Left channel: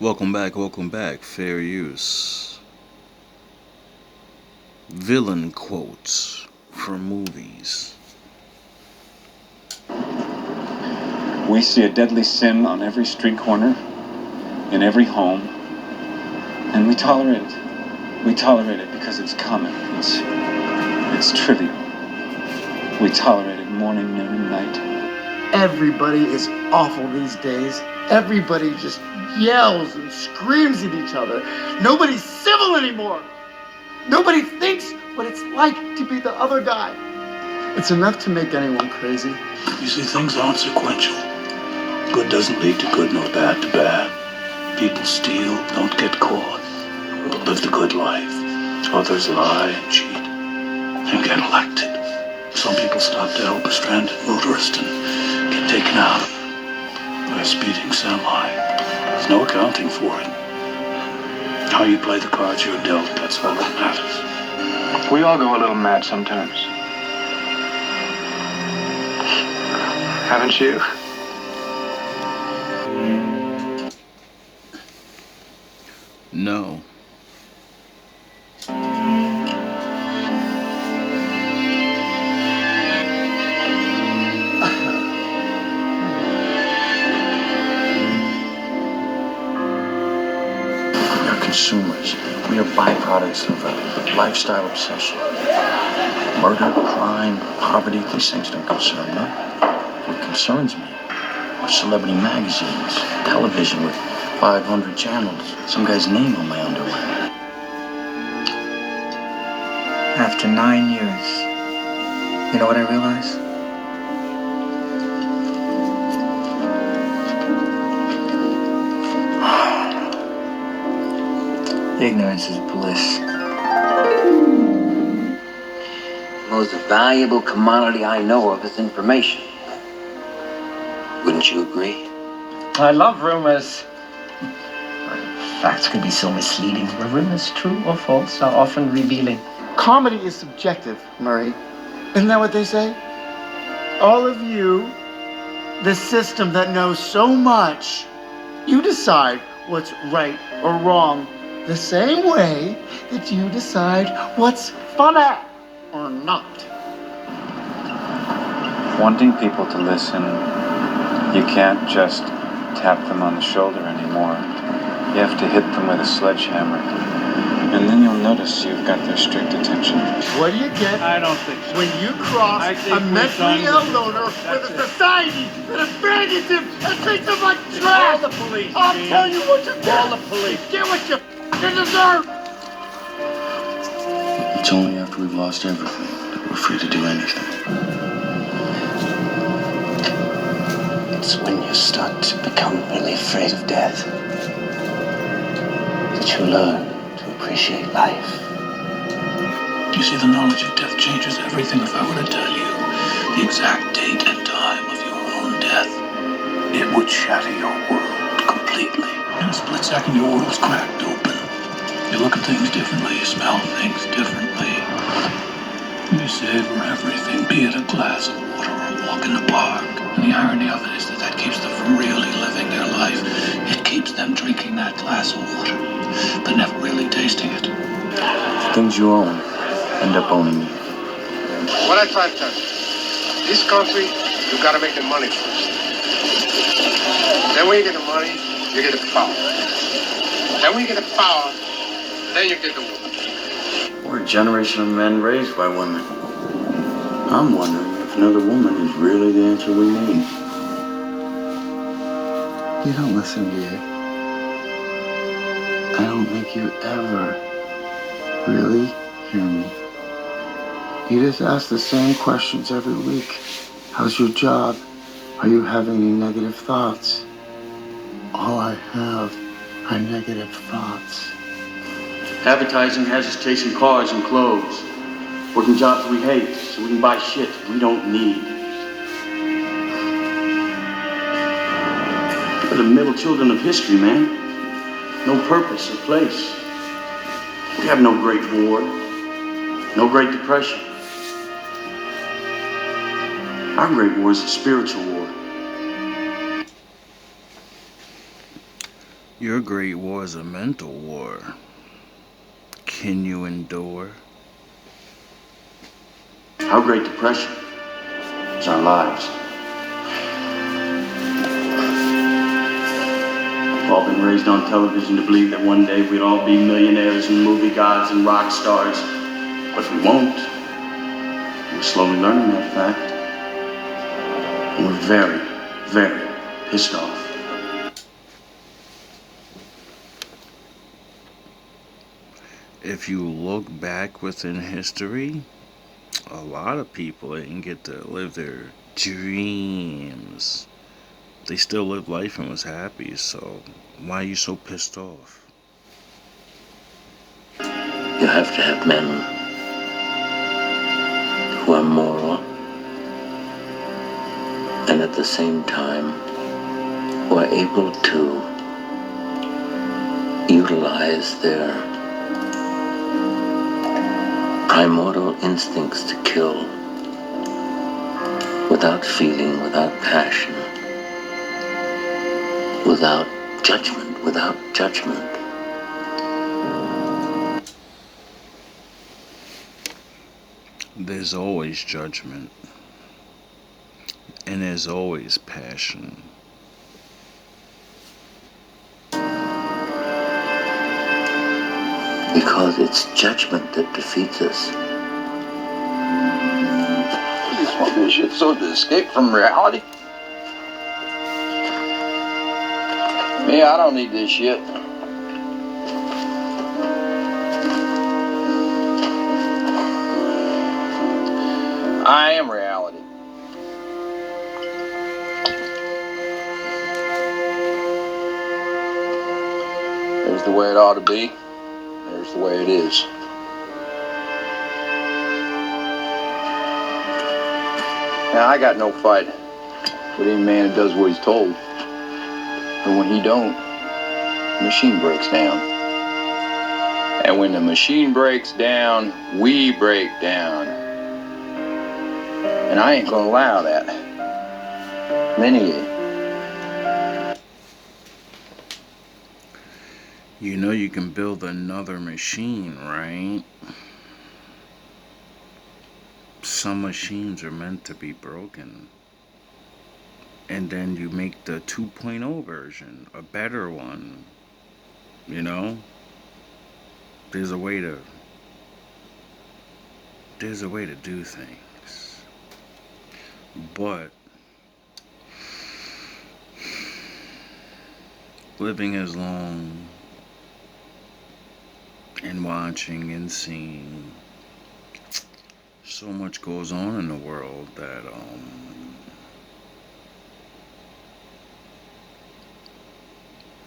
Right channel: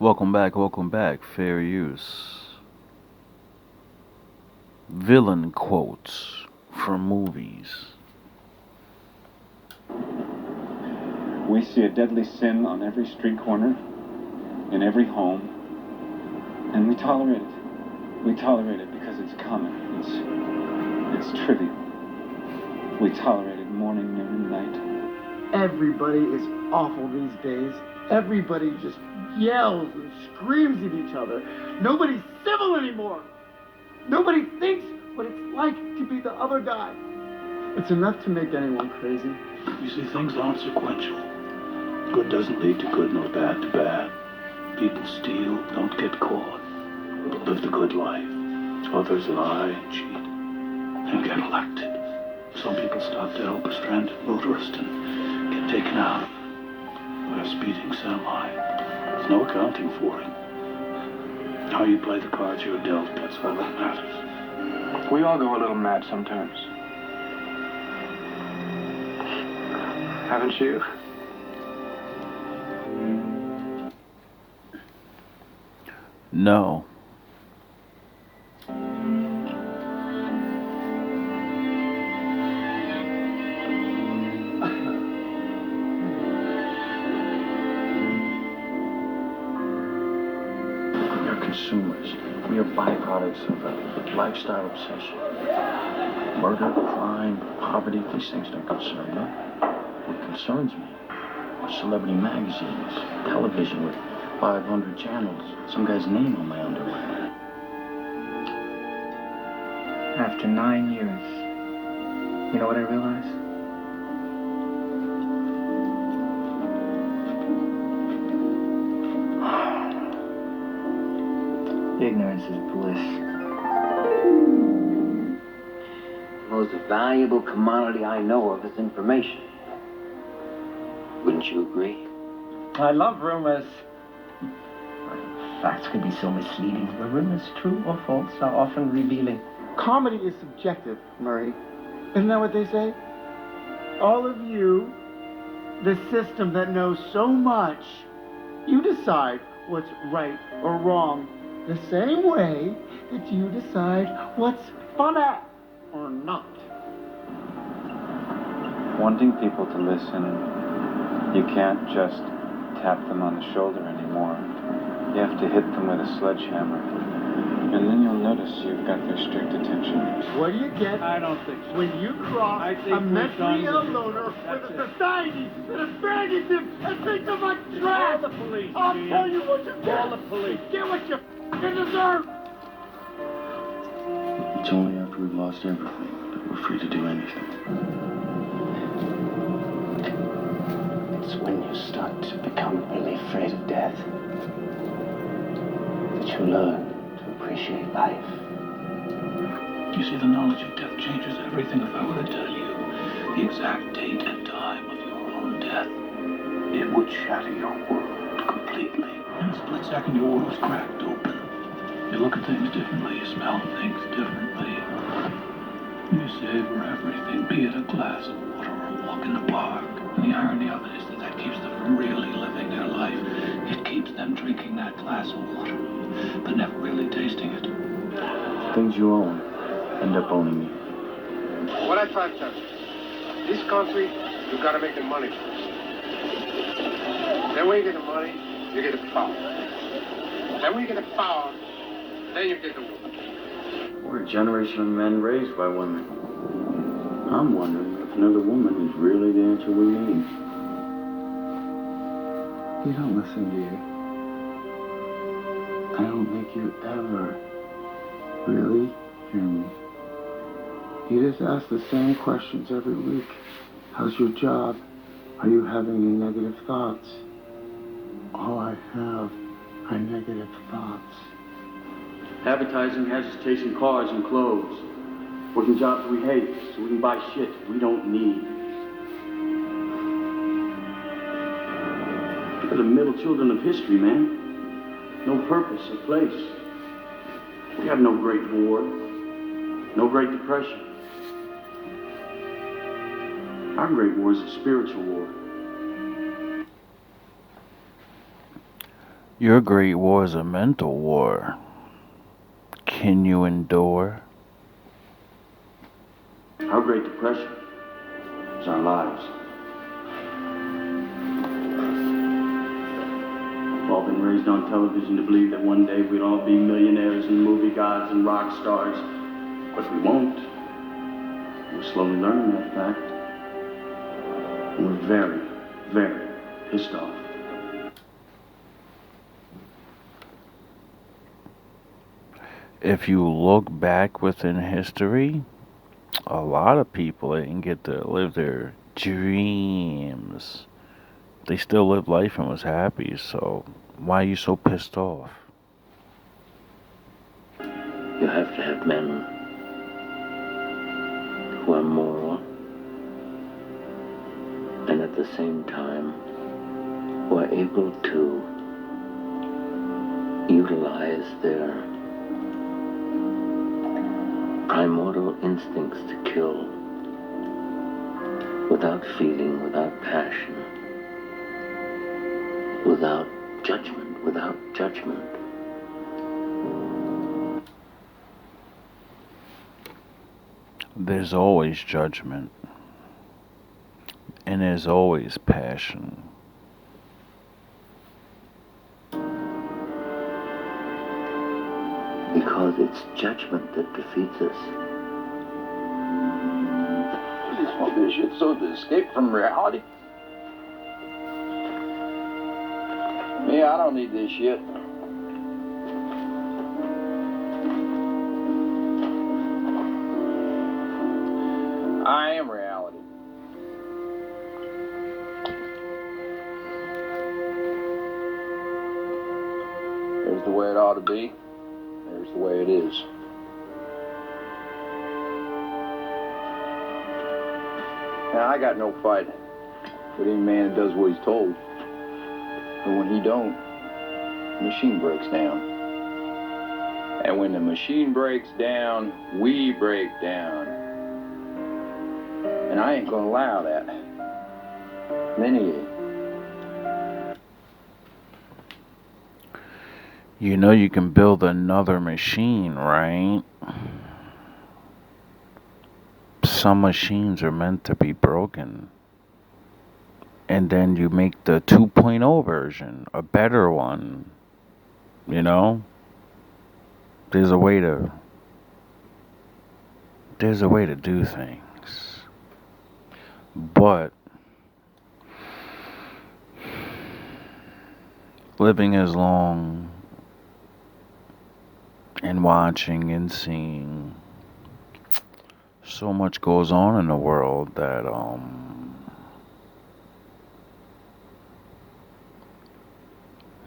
Welcome back. Fair use. Villain quotes from movies. We see a deadly sin on every street corner, in every home, and we tolerate it. We tolerate it because it's common. It's trivial. We tolerate it morning, noon, and night. Everybody is awful these days. Everybody just yells and screams at each other. Nobody's civil anymore. Nobody thinks what it's like to be the other guy. It's enough to make anyone crazy. You see, things aren't sequential. Good doesn't lead to good, nor bad to bad. People steal, don't get caught, live the good life. Others lie and cheat and get elected. Some people stop to help a stranded motorist and get taken out by a speeding semi. There's no accounting for it. How you play the cards you're dealt, that's all that matters. We all go a little mad sometimes. Haven't you? No. We are consumers. We are byproducts of a lifestyle obsession. Murder, crime, poverty, these things don't concern me. What concerns me are celebrity magazines, television with 500 channels, some guy's name on my underwear. After 9 years, you know what I realize? Ignorance is bliss. The most valuable commodity I know of is information. Wouldn't you agree? I love rumors. Facts can be so misleading. Were rumors true or false are often revealing. Comedy is subjective, Murray. Isn't that what they say? All of you, the system that knows so much, you decide what's right or wrong the same way that you decide what's funny or not. Wanting people to listen, you can't just tap them on the shoulder anymore. You have to hit them with a sledgehammer. And then you'll notice you've got their strict attention. What do you get I don't think so. when you cross I think a we're mentally done ill with loner this. with That's a it. society that abandons him and treats him like trash? Call the police, I'll Gene. tell you what you Call get. the police. Get what you f***ing deserve. It's only after we've lost everything that we're free to do anything. It's when you start to become really afraid of death that you learn to appreciate life. You see, the knowledge of death changes everything. If I were to tell you the exact date and time of your own death, it would shatter your world completely. In a split second, your world's cracked open. You look at things differently, you smell things differently. You savor everything, be it a glass of water or a walk in the park. And the irony of it is that that keeps them from really living their life. It keeps them drinking that glass of water, but never really tasting it. Things you own end up owning you. What I try to tell you, this country, you gotta make the money first. Then when you get the money, you get the power. Then when you get the power, then you get the woman. We're a generation of men raised by women. I'm wondering if another woman is really the answer we need. You don't listen, do you? I don't think you ever really hear me. You just ask the same questions every week. How's your job? Are you having any negative thoughts? All I have are negative thoughts. Advertising has us chasing cars and clothes, working jobs we hate so we can buy shit we don't need. We're the middle children of history, man. No purpose or place. We have no great war, no great depression. Our great war is a spiritual war. Your great war is a mental war. Can you endure? Our Great Depression is our lives. We've all been raised on television to believe that one day we'd all be millionaires and movie gods and rock stars. But we won't. We're slowly learning that fact. And we're very, very pissed off. If you look back within history, a lot of people didn't get to live their dreams. They still lived life and was happy, so why are you so pissed off? You have to have men who are moral and at the same time who are able to utilize their primordial instincts to kill without feeling, without passion, without judgment. There's always judgment. And there's always passion. Because it's judgment that defeats us. You just want this shit so to escape from reality? Me, I don't need this shit. I am reality. There's the way it ought to be. There's the way it is. Now, I got no fight with any man who does what he's told. But when he don't, the machine breaks down. And when the machine breaks down, we break down. And I ain't gonna allow that. Many of you. You know you can build another machine, right? Some machines are meant to be broken. And then you make the 2.0 version, a better one. You know? There's a way to do things. But living as long and watching and seeing, so much goes on in the world that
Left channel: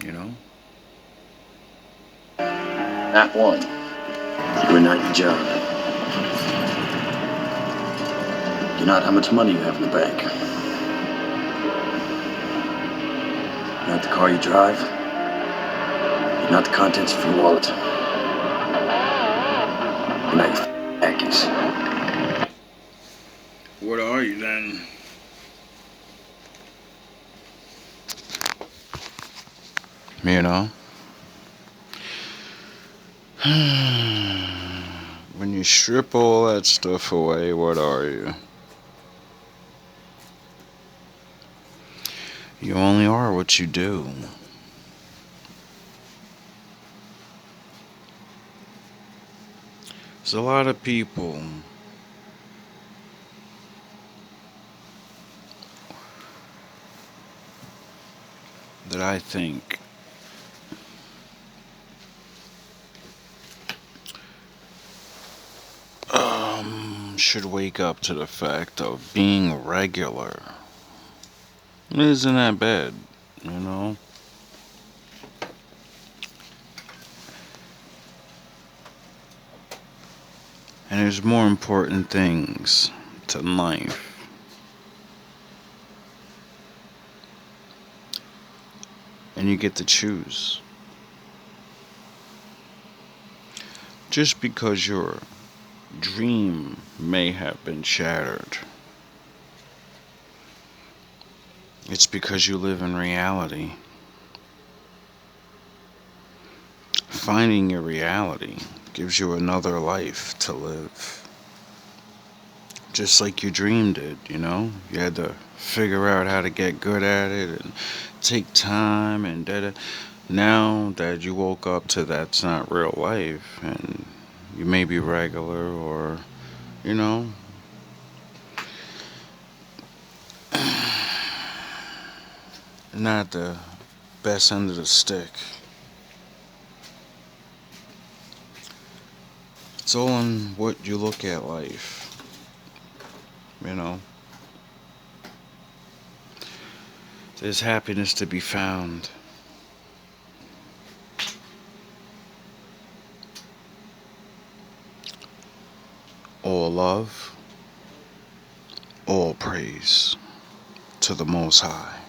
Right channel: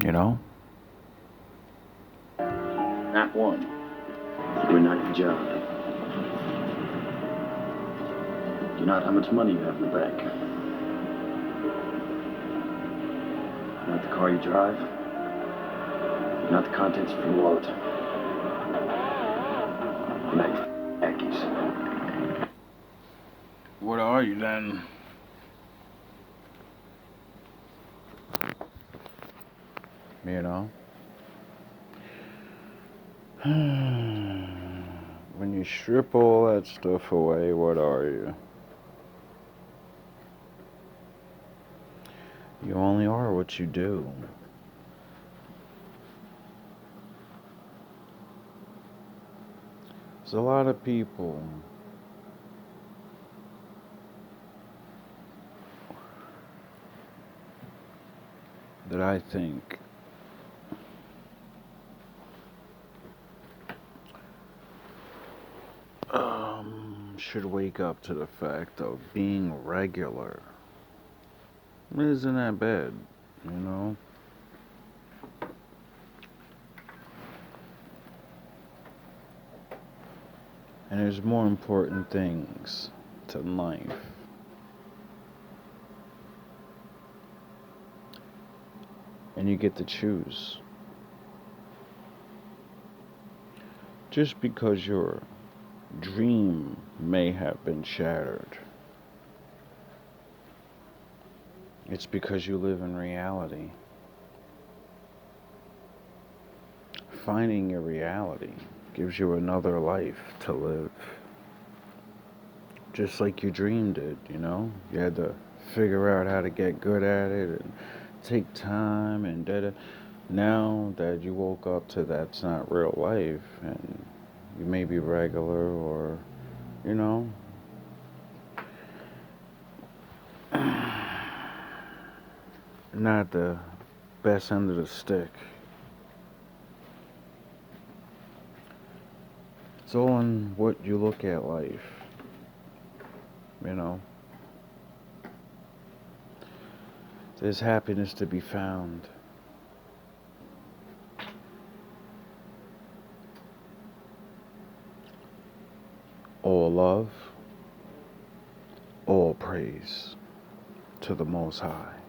you know, Not one. You're not your job. You're not how much money you have in the bank. You're not the car you drive. You're not the contents of your wallet. You're not your khakis. what are you then? You know? When you strip all that stuff away, what are you? You only are what you do. There's a lot of people that I think should wake up to the fact of being regular. It isn't that bad, you know? And there's more important things to life. And you get to choose. Just because your dream may have been shattered, it's because you live in reality. finding your reality gives you another life to live. Just like your dream did, you know? You had to figure out how to get good at it and take time and da. Now that you woke up to that's not real life and you may be regular or, you know, not the best end of the stick. It's all in what you look at life, you know. There's happiness to be found. All love, all praise to the Most High.